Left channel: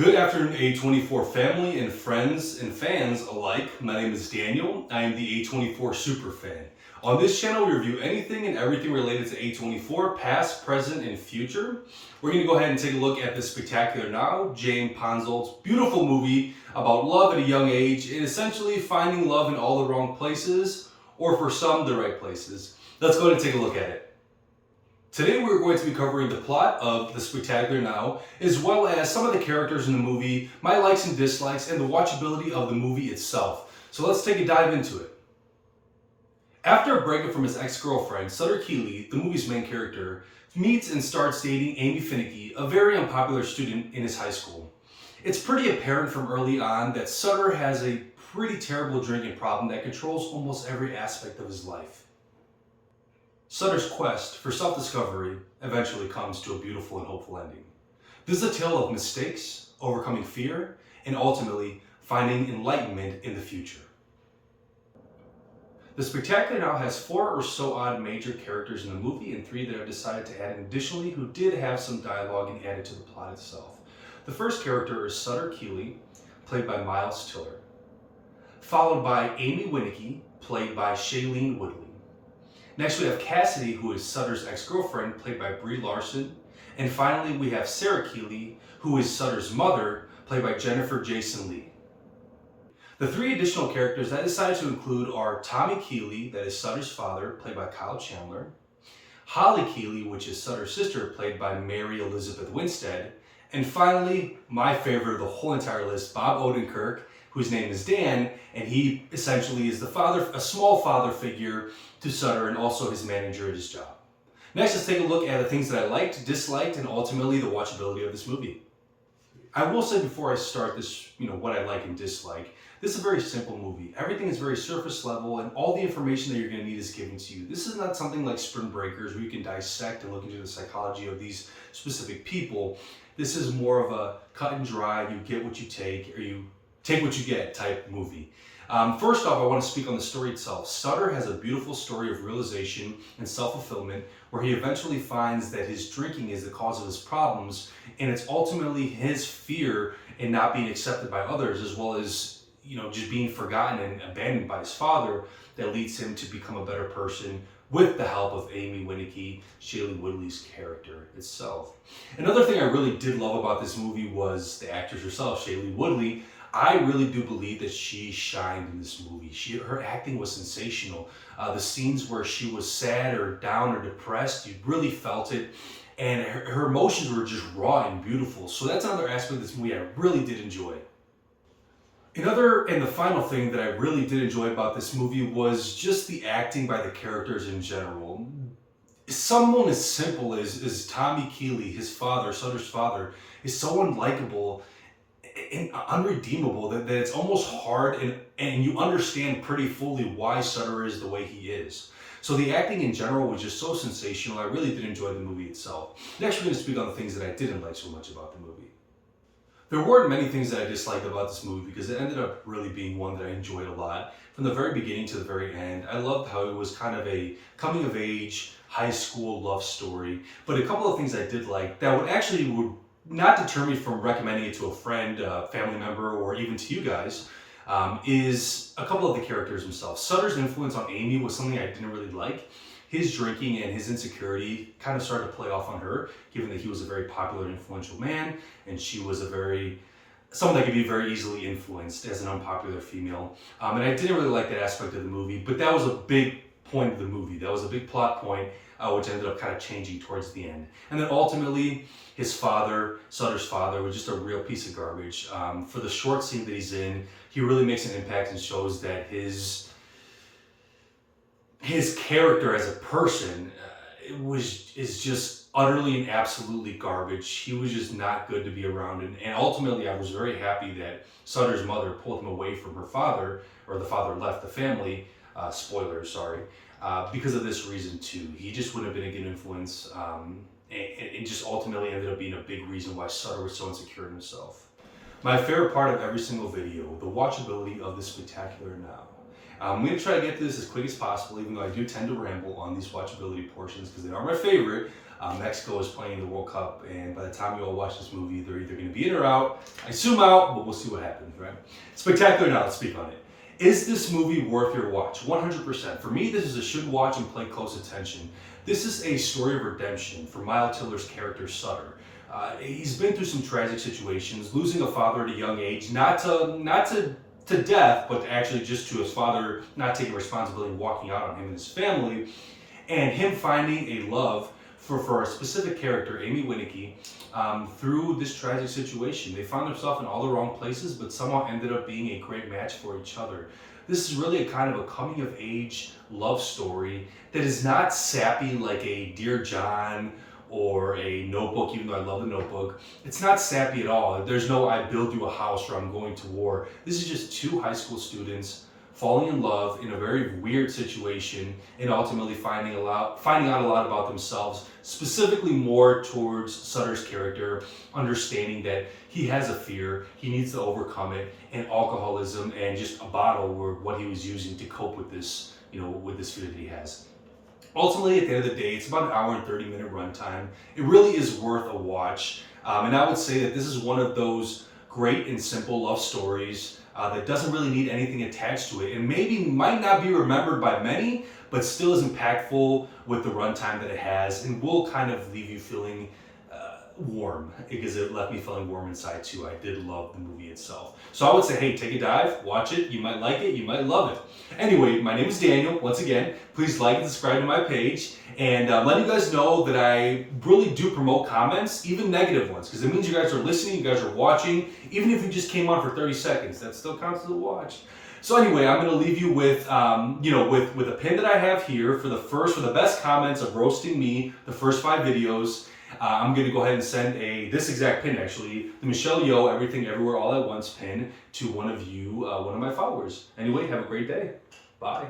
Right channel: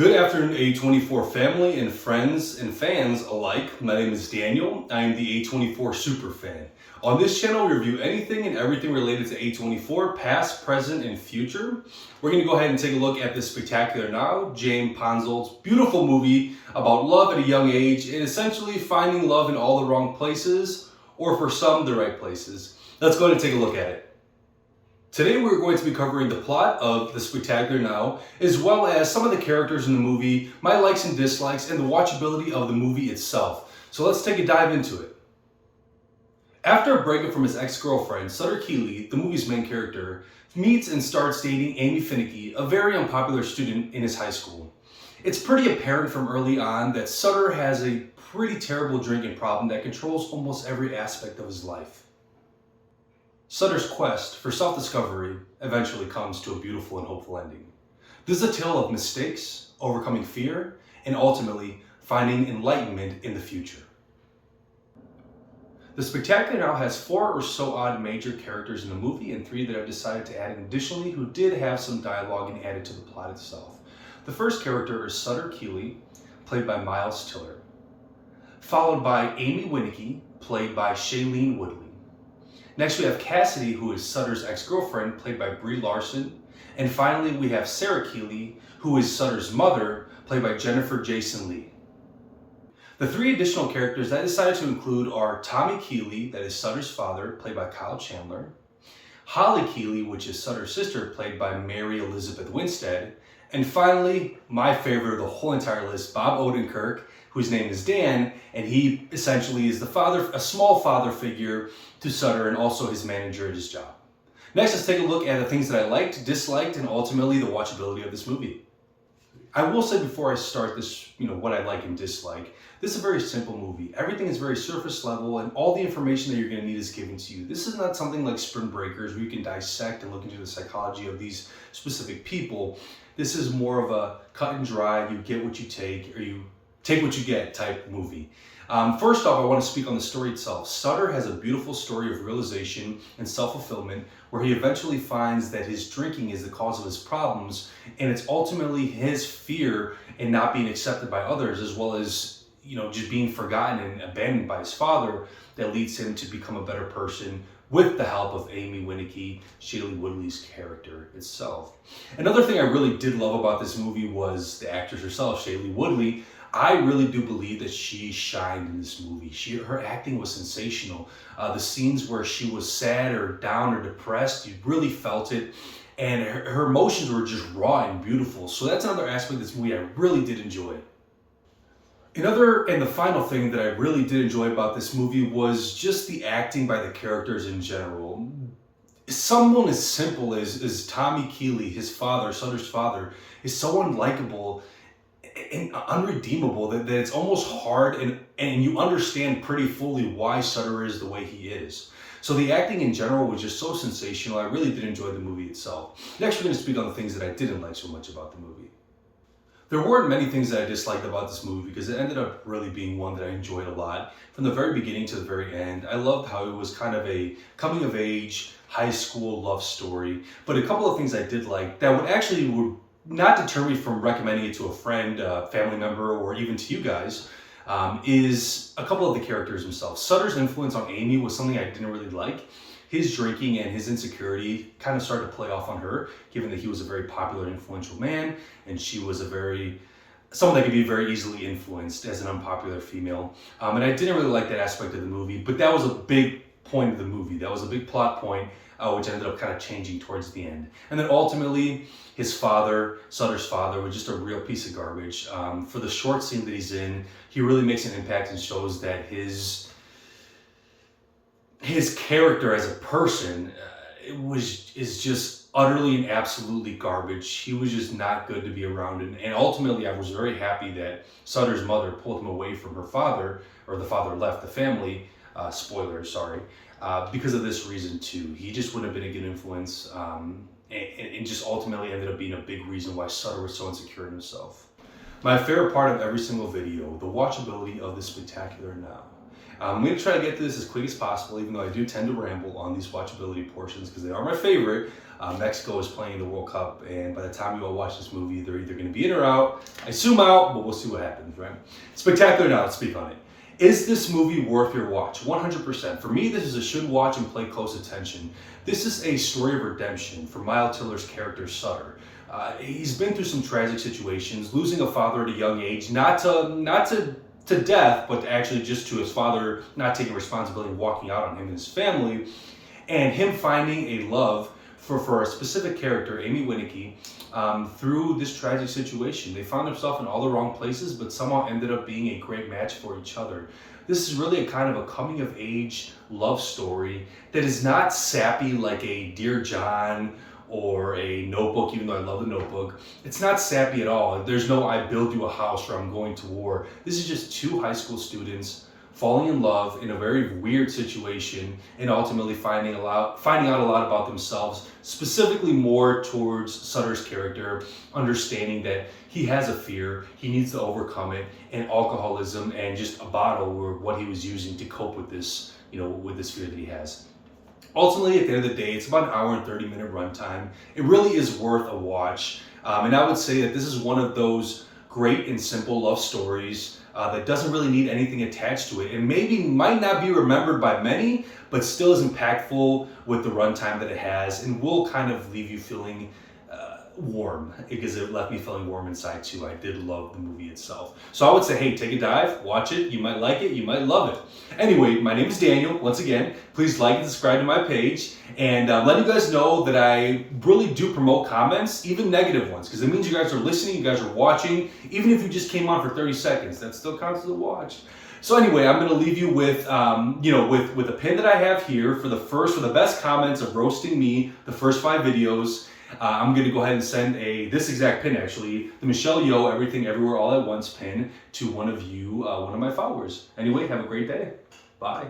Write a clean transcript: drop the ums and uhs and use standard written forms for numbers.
Good afternoon, A24 family and friends and fans alike. My name is Daniel. I am the A24 super fan. On this channel, we review anything and everything related to A24, past, present, and future. We're going to go ahead and take a look at this Spectacular Now, James Ponsol's beautiful movie about love at a young age and essentially finding love in all the wrong places, or for some, the right places. Let's go ahead and take a look at it. Today we're going to be covering the plot of The Spectacular Now, as well as some of the characters in the movie, my likes and dislikes, and the watchability of the movie itself. So let's take a dive into it. After a breakup from his ex-girlfriend, Sutter Keeley, the movie's main character, meets and starts dating Amy Finicky, a very unpopular student in his high school. It's pretty apparent from early on that Sutter has a pretty terrible drinking problem that controls almost every aspect of his life. Sutter's quest for self-discovery eventually comes to a beautiful and hopeful ending. This is a tale of mistakes, overcoming fear, and ultimately finding enlightenment in the future. The Spectacular Now has 4 or so odd major characters in the movie and 3 that I've decided to add in additionally who did have some dialogue and added to the plot itself. The first character is Sutter Keeley, played by Miles Tiller, followed by Amy Winicky, played by Shailene Woodley. Next we have Cassidy, who is Sutter's ex-girlfriend, played by Brie Larson. And finally we have Sarah Keeley, who is Sutter's mother, played by Jennifer Jason Leigh. The 3 additional characters that I decided to include are Tommy Keeley, that is Sutter's father, played by Kyle Chandler. Holly Keeley, which is Sutter's sister, played by Mary Elizabeth Winstead. And finally, my favorite of the whole entire list, Bob Odenkirk, whose name is Dan, and he essentially is the father, a small father figure to Sutter and also his manager at his job. Next, let's take a look at the things that I liked, disliked, and ultimately the watchability of this movie. I will say before I start this, what I like and dislike, this is a very simple movie. Everything is very surface level and all the information that you're going to need is given to you. This is not something like Spring Breakers where you can dissect and look into the psychology of these specific people. This is more of a cut and dry, you get what you take, or you take what you get type movie. First off, I want to speak on the story itself. Sutter has a beautiful story of realization and self-fulfillment where he eventually finds that his drinking is the cause of his problems, and it's ultimately his fear in not being accepted by others, as well as just being forgotten and abandoned by his father, that leads him to become a better person with the help of Amy Winicky, Shailene Woodley's character itself. Another thing I really did love about this movie was the actress herself, Shailene Woodley. I really do believe that she shined in this movie. Her acting was sensational. The scenes where she was sad or down or depressed, you really felt it. And her emotions were just raw and beautiful. So that's another aspect of this movie I really did enjoy. And the final thing that I really did enjoy about this movie was just the acting by the characters in general. Someone as simple as Tommy Keeley, his father, Sutter's father, is so unlikable and unredeemable that it's almost hard and you understand pretty fully why Sutter is the way he is. So the acting in general was just so sensational. I really did enjoy the movie itself. Next, we're going to speak on the things that I didn't like so much about the movie. There weren't many things that I disliked about this movie because it ended up really being one that I enjoyed a lot. From the very beginning to the very end, I loved how it was kind of a coming of age, high school love story. But a couple of things I did like that would not deter me from recommending it to a friend, a family member, or even to you guys, is a couple of the characters themselves. Sutter's influence on Amy was something I didn't really like. His drinking and his insecurity kind of started to play off on her, given that he was a very popular, influential man, and she was someone that could be very easily influenced as an unpopular female. And I didn't really like that aspect of the movie, but that was a big point of the movie. That was a big plot point, which ended up kind of changing towards the end. And then ultimately, his father, Sutter's father, was just a real piece of garbage. For the short scene that he's in, he really makes an impact and shows that his character as a person is just utterly and absolutely garbage. He was just not good to be around. And ultimately, I was very happy that Sutter's mother pulled him away from her father, or the father left the family. Spoilers, sorry. Because of this reason too. He just wouldn't have been a good influence and just ultimately ended up being a big reason why Sutter was so insecure in himself. My favorite part of every single video, the watchability of The Spectacular Now. I'm going to try to get to this as quick as possible, even though I do tend to ramble on these watchability portions because they are my favorite. Mexico is playing the World Cup, and by the time you all watch this movie, they're either going to be in or out. I assume out, but we'll see what happens, right? Spectacular now, let's speak on it. Is this movie worth your watch? 100%. For me, this is a should watch and play close attention. This is a story of redemption for Miles Teller's character, Sutter. He's been through some tragic situations, losing a father at a young age, not to death, but actually just to his father not taking responsibility and walking out on him and his family, and him finding a love for a specific character, Amy Winneke, through this tragic situation. They found themselves in all the wrong places, but somehow ended up being a great match for each other. This is really a kind of a coming of age love story that is not sappy like a Dear John or a Notebook, even though I love the Notebook. It's not sappy at all. There's no I build you a house or I'm going to war. This is just two high school students falling in love in a very weird situation and ultimately finding out a lot about themselves, specifically more towards Sutter's character, understanding that he has a fear, he needs to overcome it, and alcoholism and just a bottle were what he was using to cope with this, with this fear that he has. Ultimately, at the end of the day, it's about an hour and 30-minute runtime. It really is worth a watch. And I would say that this is one of those great and simple love stories that doesn't really need anything attached to it, and maybe might not be remembered by many, but still is impactful with the runtime that it has, and will kind of leave you feeling warm, because it left me feeling warm inside too. I did love the movie itself. So I would say, hey, take a dive, watch it. You might like it, you might love it. Anyway, my name is Daniel. Once again, please like and subscribe to my page, and let you guys know that I really do promote comments, even negative ones, because it means you guys are listening, you guys are watching. Even if you just came on for 30 seconds, that still counts as a watch. So anyway, I'm going to leave you with, with a pin that I have here for the best comments of roasting me, the first 5 videos. I'm going to go ahead and send this exact pin, actually, the Michelle Yeoh Everything Everywhere All at Once pin to one of you, one of my followers. Anyway, have a great day. Bye.